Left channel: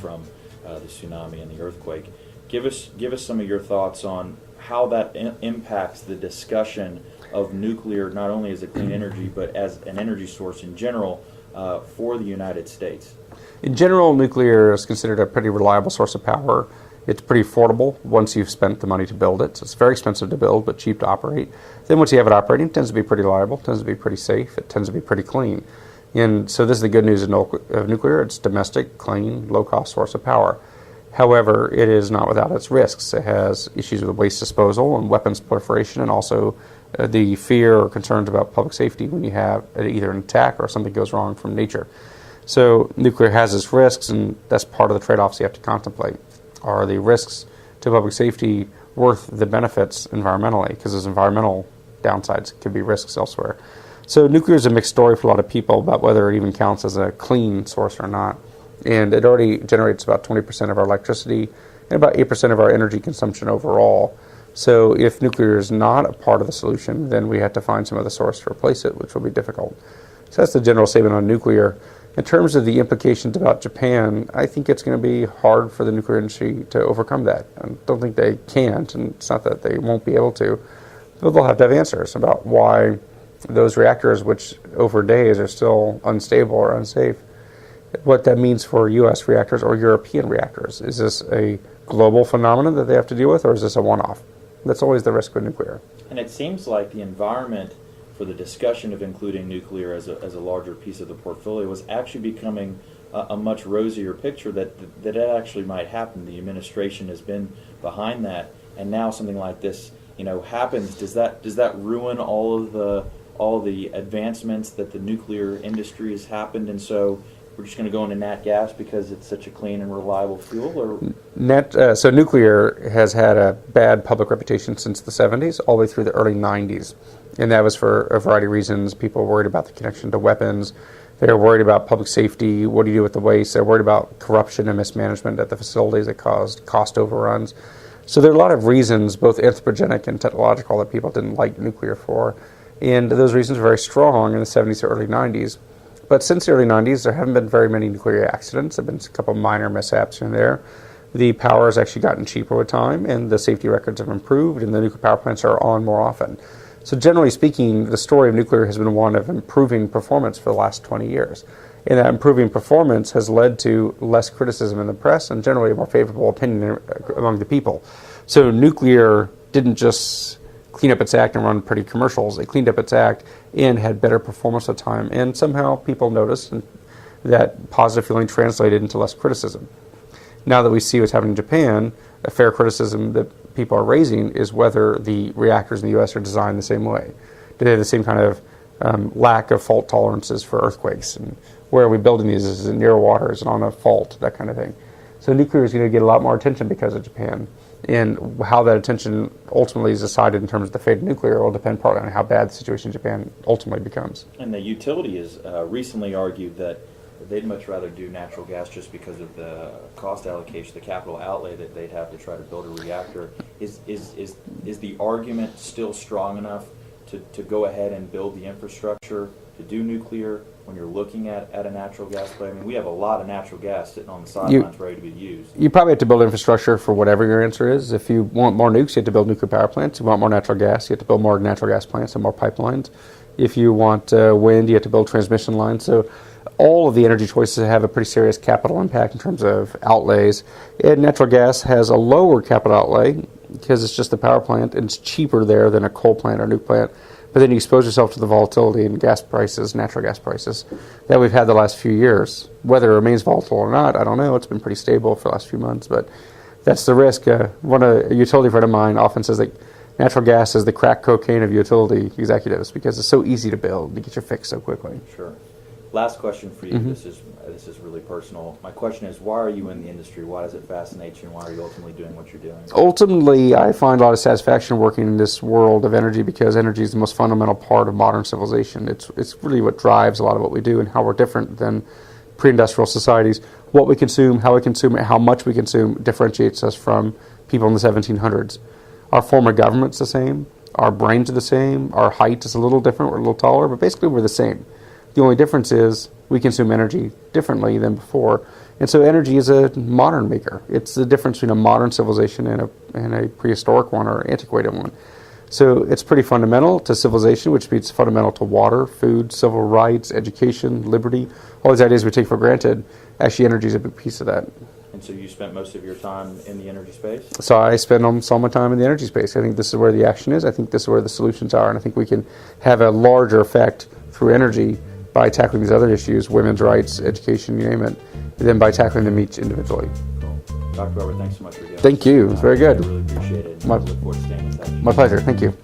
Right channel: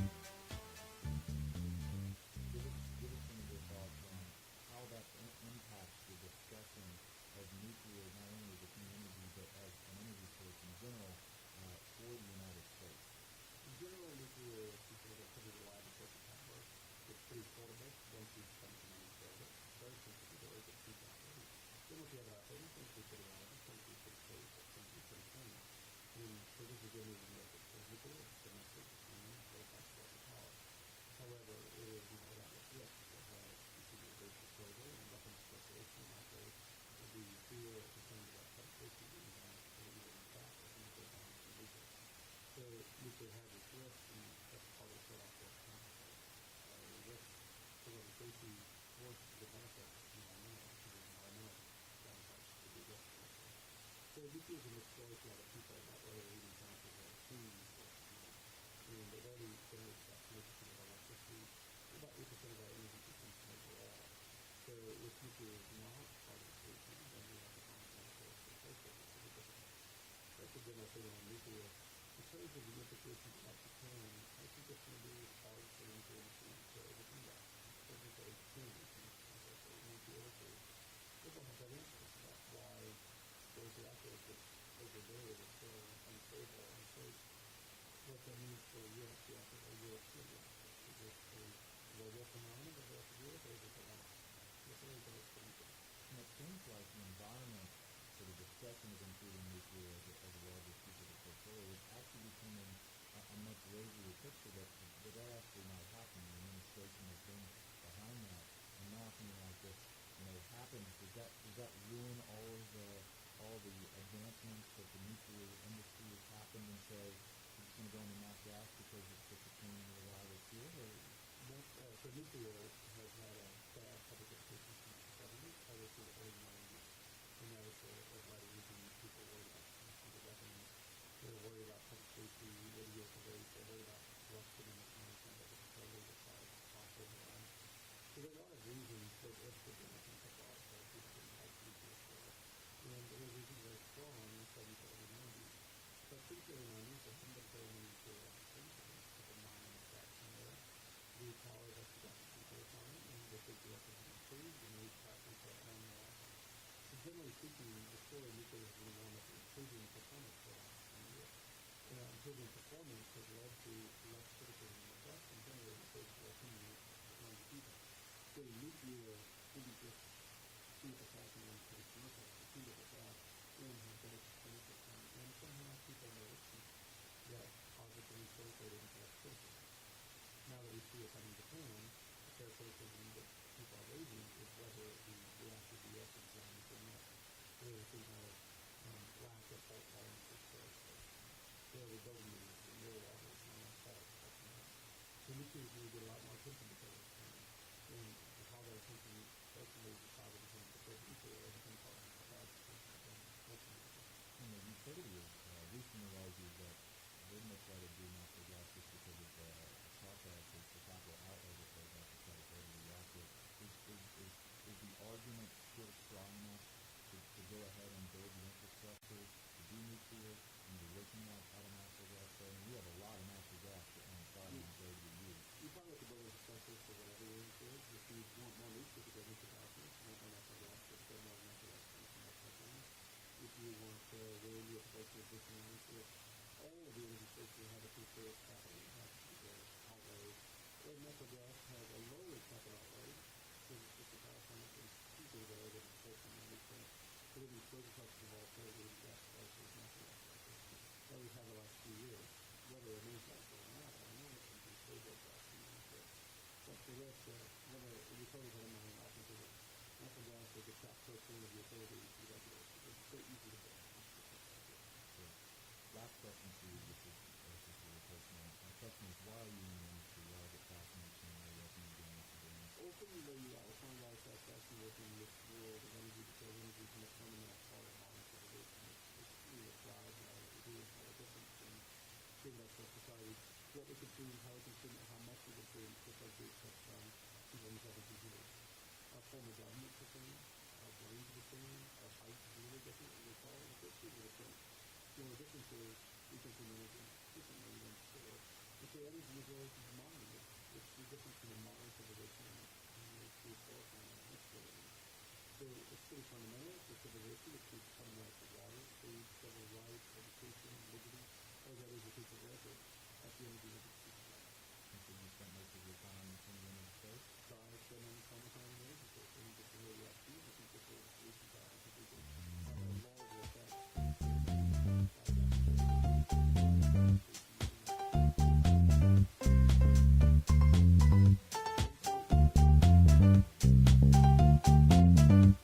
From the tsunami and the earthquake. Give us some of your thoughts on how that impacts the discussion of nuclear, not only as a clean energy, but as an energy source in general for the United States. In general, nuclear is considered a pretty reliable source of power. It's pretty affordable once you've spent the money to build it. So it's very expensive to build, but cheap to operate. Then once you have it operating, it tends to be pretty reliable, tends to be pretty safe, it tends to be pretty clean. And so this is the good news of nuclear. It's domestic, clean, low-cost source of power. However, it is not without its risks. It has issues with waste disposal and weapons proliferation, and also the fear or concerns about public safety when you have either an attack or something goes wrong from nature. So nuclear has its risks, and that's part of the trade-offs you have to contemplate. Are the risks to public safety worth the benefits environmentally? Because there's environmental downsides, could be risks elsewhere. So nuclear is a mixed story for a lot of people about whether it even counts as a clean source or not. And it already generates about 20% of our electricity and about 8% of our energy consumption overall. So if nuclear is not a part of the solution, then we have to find some other source to replace it, which will be difficult. So that's the general statement on nuclear. In terms of the implications about Japan, I think it's going to be hard for the nuclear industry to overcome that. I don't think they can't, and it's not that they won't be able to, but they'll have to have answers about why those reactors, which over days are still unstable or unsafe, what that means for U.S. reactors or European reactors. Is this a global phenomenon that they have to deal with, or is this a one-off? That's always the risk with nuclear. And it seems like the environment for the discussion of including nuclear as a larger piece of the portfolio was actually becoming a much rosier picture that it actually might happen. The administration has been behind that, and now something like this, happens. Does that ruin all the advancements that the nuclear industry has happened, and so we're just going to go into nat gas because it's such a clean and reliable fuel? Or so nuclear has had a bad public reputation since the 70s, all the way through the early 90s. And that was for a variety of reasons. People were worried about the connection to weapons. They were worried about public safety. What do you do with the waste? They're worried about corruption and mismanagement at the facilities that caused cost overruns. So there are a lot of reasons, both anthropogenic and technological, that people didn't like nuclear for. And those reasons were very strong in the 70s to early 90s. But since the early 90s, there haven't been very many nuclear accidents. There have been a couple minor mishaps here and there. The power has actually gotten cheaper with time, and the safety records have improved, and the nuclear power plants are on more often. So generally speaking, the story of nuclear has been one of improving performance for the last 20 years. And that improving performance has led to less criticism in the press and generally a more favorable opinion among the people. So nuclear didn't just clean up its act and run pretty commercials. It cleaned up its act and had better performance at the time. And somehow people noticed, and that positive feeling translated into less criticism. Now that we see what's happening in Japan, a fair criticism that people are raising is whether the reactors in the U.S. are designed the same way. Do they have the same kind of lack of fault tolerances for earthquakes? And where are we building these? Is it near water? Is it on a fault? That kind of thing. So nuclear is going to get a lot more attention because of Japan. And how that attention ultimately is decided in terms of the fate of nuclear will depend partly on how bad the situation in Japan ultimately becomes. And the utility has recently argued that they'd much rather do natural gas just because of the cost allocation, the capital outlay that they'd have to try to build a reactor. Is the argument still strong enough to go ahead and build the infrastructure to do nuclear when you're looking at a natural gas plant? I mean, we have a lot of natural gas sitting on the sidelines ready to be used. You probably have to build infrastructure for whatever your answer is. If you want more nukes, you have to build nuclear power plants. If you want more natural gas, you have to build more natural gas plants and more pipelines. If you want wind, you have to build transmission lines. So all of the energy choices have a pretty serious capital impact in terms of outlays. And natural gas has a lower capital outlay because it's just the power plant, and it's cheaper there than a coal plant or nuke plant. But then you expose yourself to the volatility in gas prices, natural gas prices, that we've had the last few years. Whether it remains volatile or not, I don't know. It's been pretty stable for the last few months, but that's the risk. A utility friend of mine often says that natural gas is the crack cocaine of utility executives because it's so easy to build. You get your fix so quickly. Sure. Last question for you. Mhm. This is really personal. My question is, why are you in the industry? Why does it fascinate you, and why are you ultimately doing what you're doing? Ultimately, I find a lot of satisfaction working in this world of energy because energy is the most fundamental part of modern civilization. It's really what drives a lot of what we do and how we're different than pre-industrial societies. What we consume, how we consume it, how much we consume differentiates us from people in the 1700s. Our form of government's the same. Our brains are the same. Our height is a little different. We're a little taller, but basically we're the same. The only difference is we consume energy differently than before. And so energy is a modern maker. It's the difference between a modern civilization and a prehistoric one or antiquated one. So it's pretty fundamental to civilization, which means fundamental to water, food, civil rights, education, liberty, all these ideas we take for granted. Actually, energy is a big piece of that. And so you spent most of your time in the energy space? So I spend almost all my time in the energy space. I think this is where the action is. I think this is where the solutions are. And I think we can have a larger effect through energy by tackling these other issues, women's rights, education, you name it, than by tackling them each individually. Dr. Weber, thanks so much for doing this. Thank you. It was very good. I really appreciate it. My- Look forward to staying in touch. My pleasure. Thank you.